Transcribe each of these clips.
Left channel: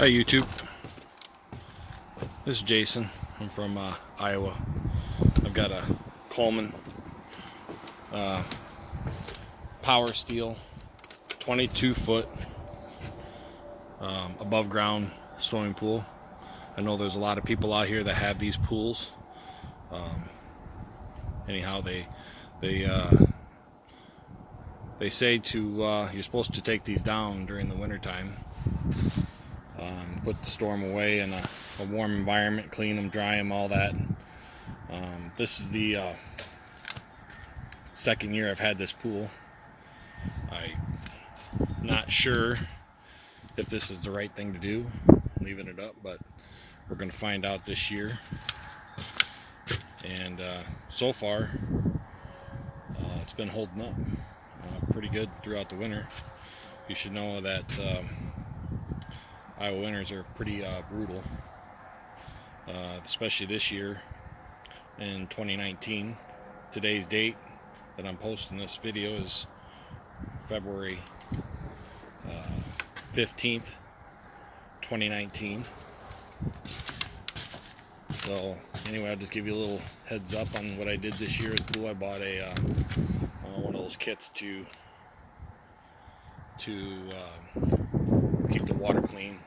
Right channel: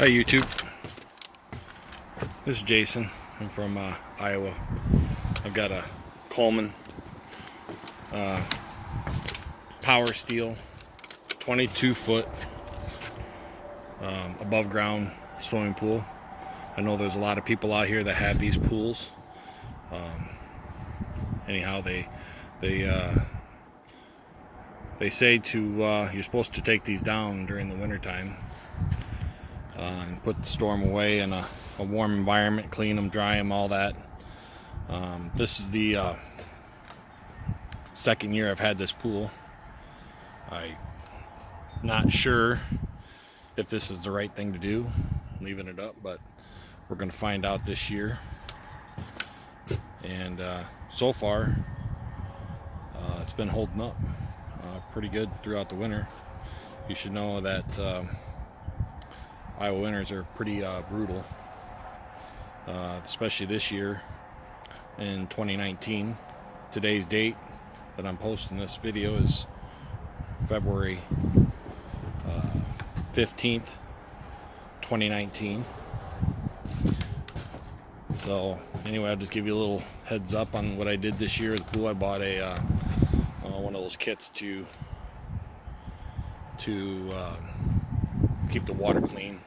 Hi YouTube, this is Jason. I'm from Iowa. I've got a Coleman power steel 22 foot above ground swimming pool. I know there's a lot of people out here that have these pools. Anyhow, they say to you're supposed to take these down during the winter time and put the storm away in a warm environment, clean them, dry them, all that. This is the second year I've had this pool. I'm not sure if this is the right thing to do, leaving it up, but we're going to find out this year. And so far it's been holding up pretty good throughout the winter. You should know that Iowa winters are pretty brutal, especially this year in 2019. Today's date that I'm posting this video is February 15th, 2019. So anyway, I'll just give you a little heads up on what I did this year at the pool. I bought a one of those kits to keep the water clean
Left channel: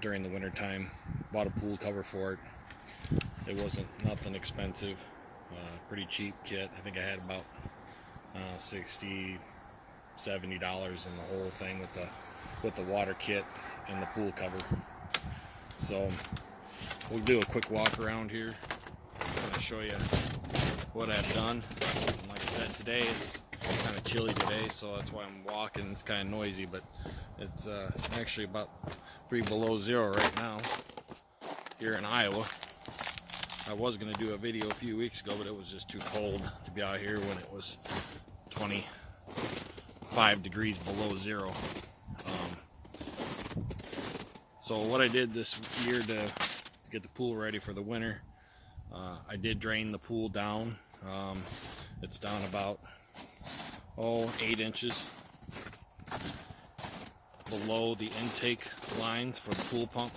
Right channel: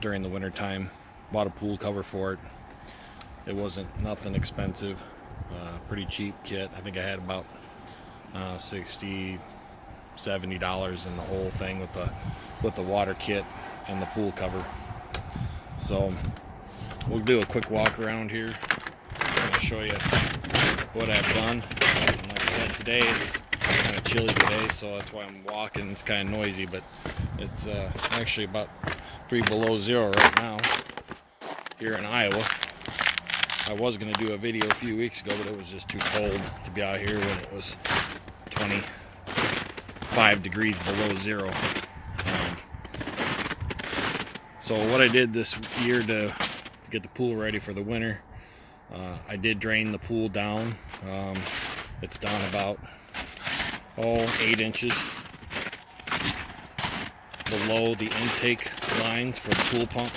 during the winter time. Bought a pool cover for it. It wasn't nothing expensive, pretty cheap kit. I think I had about $60-70 in the whole thing with the water kit and the pool cover. So we'll do a quick walk around here. I'm going to show you what I've done. And like I said, today it's kind of chilly today, so that's why I'm walking. It's kind of noisy, but it's actually about 3 below zero right now here in Iowa. I was going to do a video a few weeks ago, but it was just too cold to be out here when it was 25 degrees below zero. So what I did this year to get the pool ready for the winter, I did drain the pool down. It's down about 8 inches below the intake lines for the pool pump.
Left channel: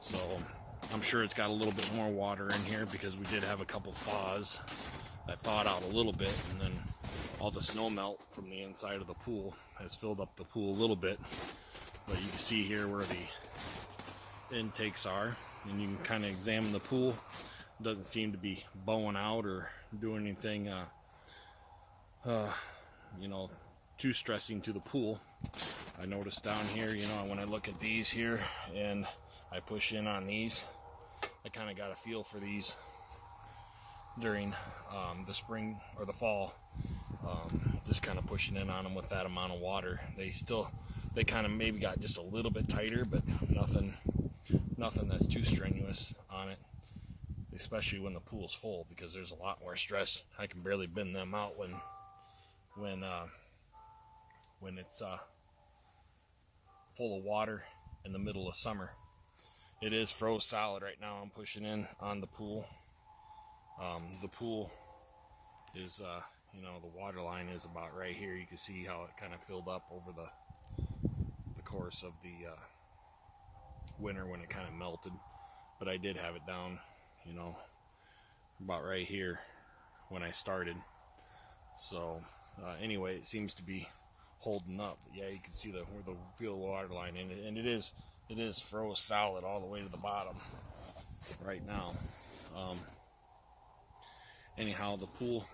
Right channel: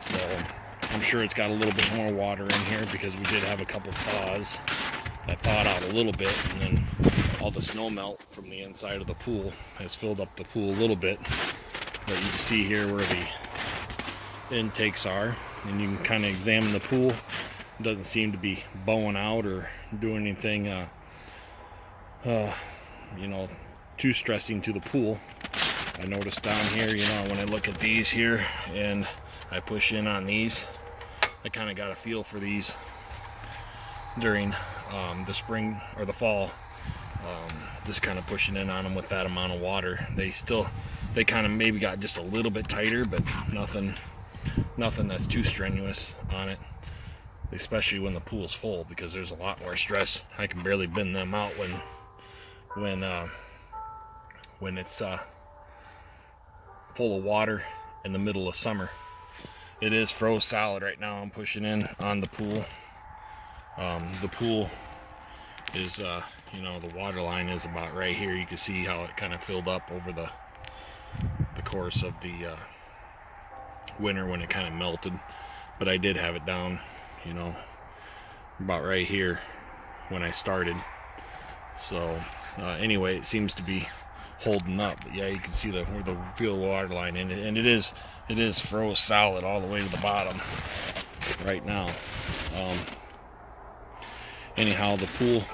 So I'm sure it's got a little bit more water in here because we did have a couple thaws that thawed out a little bit, and then all the snow melt from the inside of the pool has filled up the pool a little bit. But you can see here where the intakes are, and you can kind of examine the pool. It doesn't seem to be bowing out or doing anything too stressing to the pool. I noticed down here, when I look at these here and I push in on these, I kind of got a feel for these during the spring or the fall. Just kind of pushing in on them with that amount of water. They kind of maybe got just a little bit tighter, but nothing that's too strenuous on it, especially when the pool's full, because there's a lot more stress. I can barely bend them out when it's full of water in the middle of summer. It is froze solid right now. I'm pushing in on the pool. The pool is the water line is about right here. You can see how it kind of filled up over the course of the winter when it kind of melted, but I did have it down about right here when I started. So anyway, it seems to be holding up. But yeah, you can see where the feel the water line in it, and it is froze solid all the way to the bottom right now. Anyhow, the pool,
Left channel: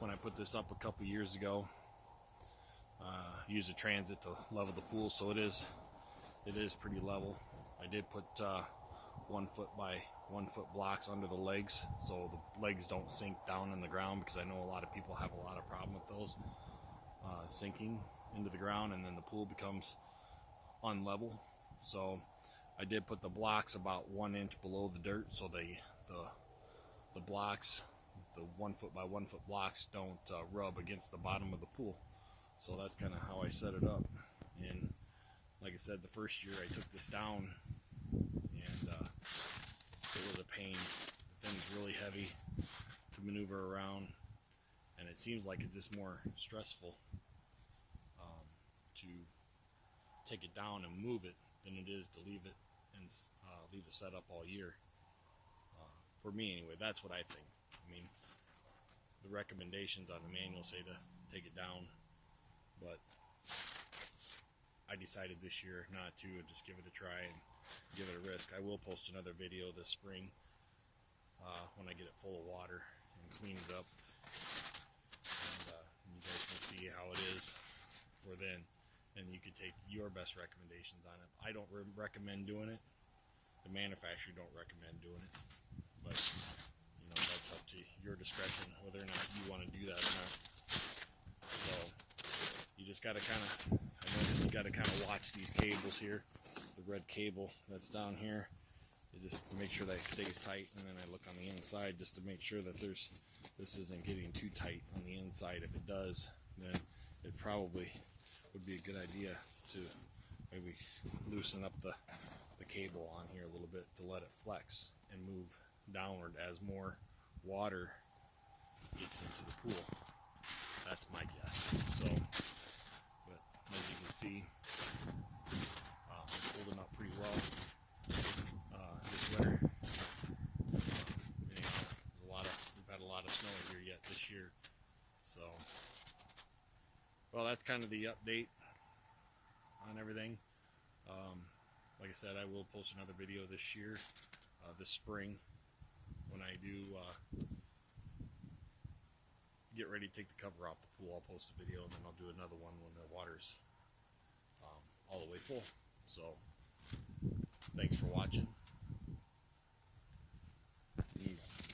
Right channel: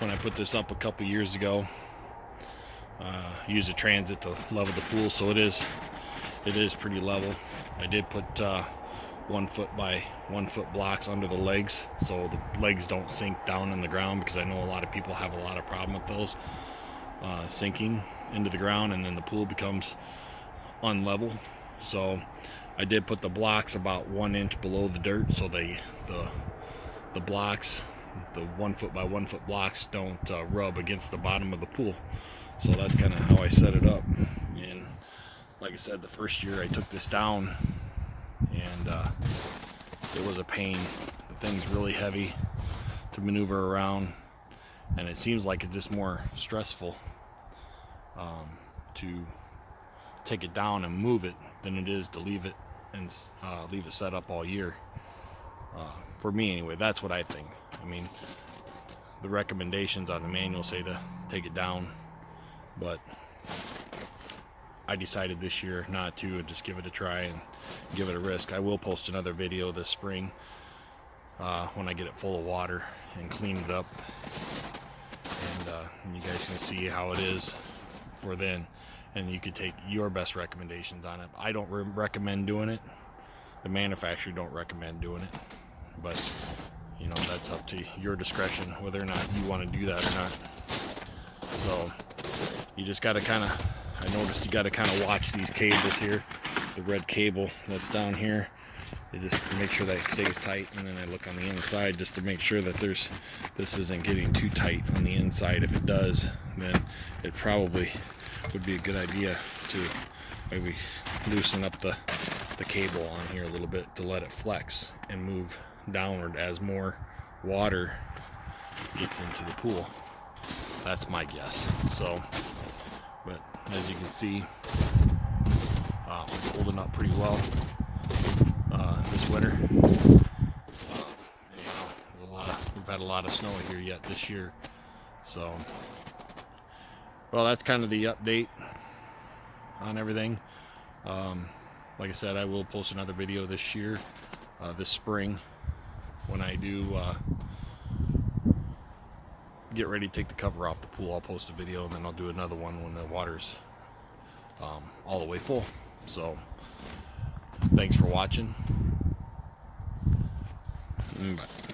when I put this up a couple years ago, used a transit to level the pool, so it is pretty level. I did put 1 foot by 1 foot blocks under the legs, so the legs don't sink down in the ground, because I know a lot of people have a lot of problem with those sinking into the ground, and then the pool becomes unlevel. So I did put the blocks about 1 inch below the dirt, so the blocks, the 1 foot by 1 foot blocks, don't rub against the bottom of the pool. So that's kind of how I set it up. And like I said, the first year I took this down, and it was a pain. The thing's really heavy to maneuver around, and it seems like it's just more stressful to take it down and move it than it is to leave it and leave it set up all year. For me anyway, that's what I think. I mean, the recommendations on the manual say to take it down, but I decided this year not to, and just give it a try and give it a risk. I will post another video this spring when I get it full of water and clean it up, and you guys can see how it is for then, and you can take your best recommendations on it. I don't recommend doing it. The manufacturer don't recommend doing it, but you know, that's up to your discretion whether or not you want to do that or not. So you just got to kind of, I noticed you got to kind of watch these cables here, the red cable that's down here. You just make sure that it stays tight, and then I look on the inside just to make sure that this isn't getting too tight on the inside. If it does, then it probably would be a good idea to maybe loosen up the cable on here a little bit to let it flex and move downward as more water gets into the pool. That's my guess. So, but as you can see, it's holding up pretty well this winter. We've had a lot of snow here yet this year. So, well, that's kind of the update on everything. Like I said, I will post another video this year, this spring, when I do get ready to take the cover off the pool. I'll post a video, and then I'll do another one when the water's all the way full. So thanks for watching. Bye.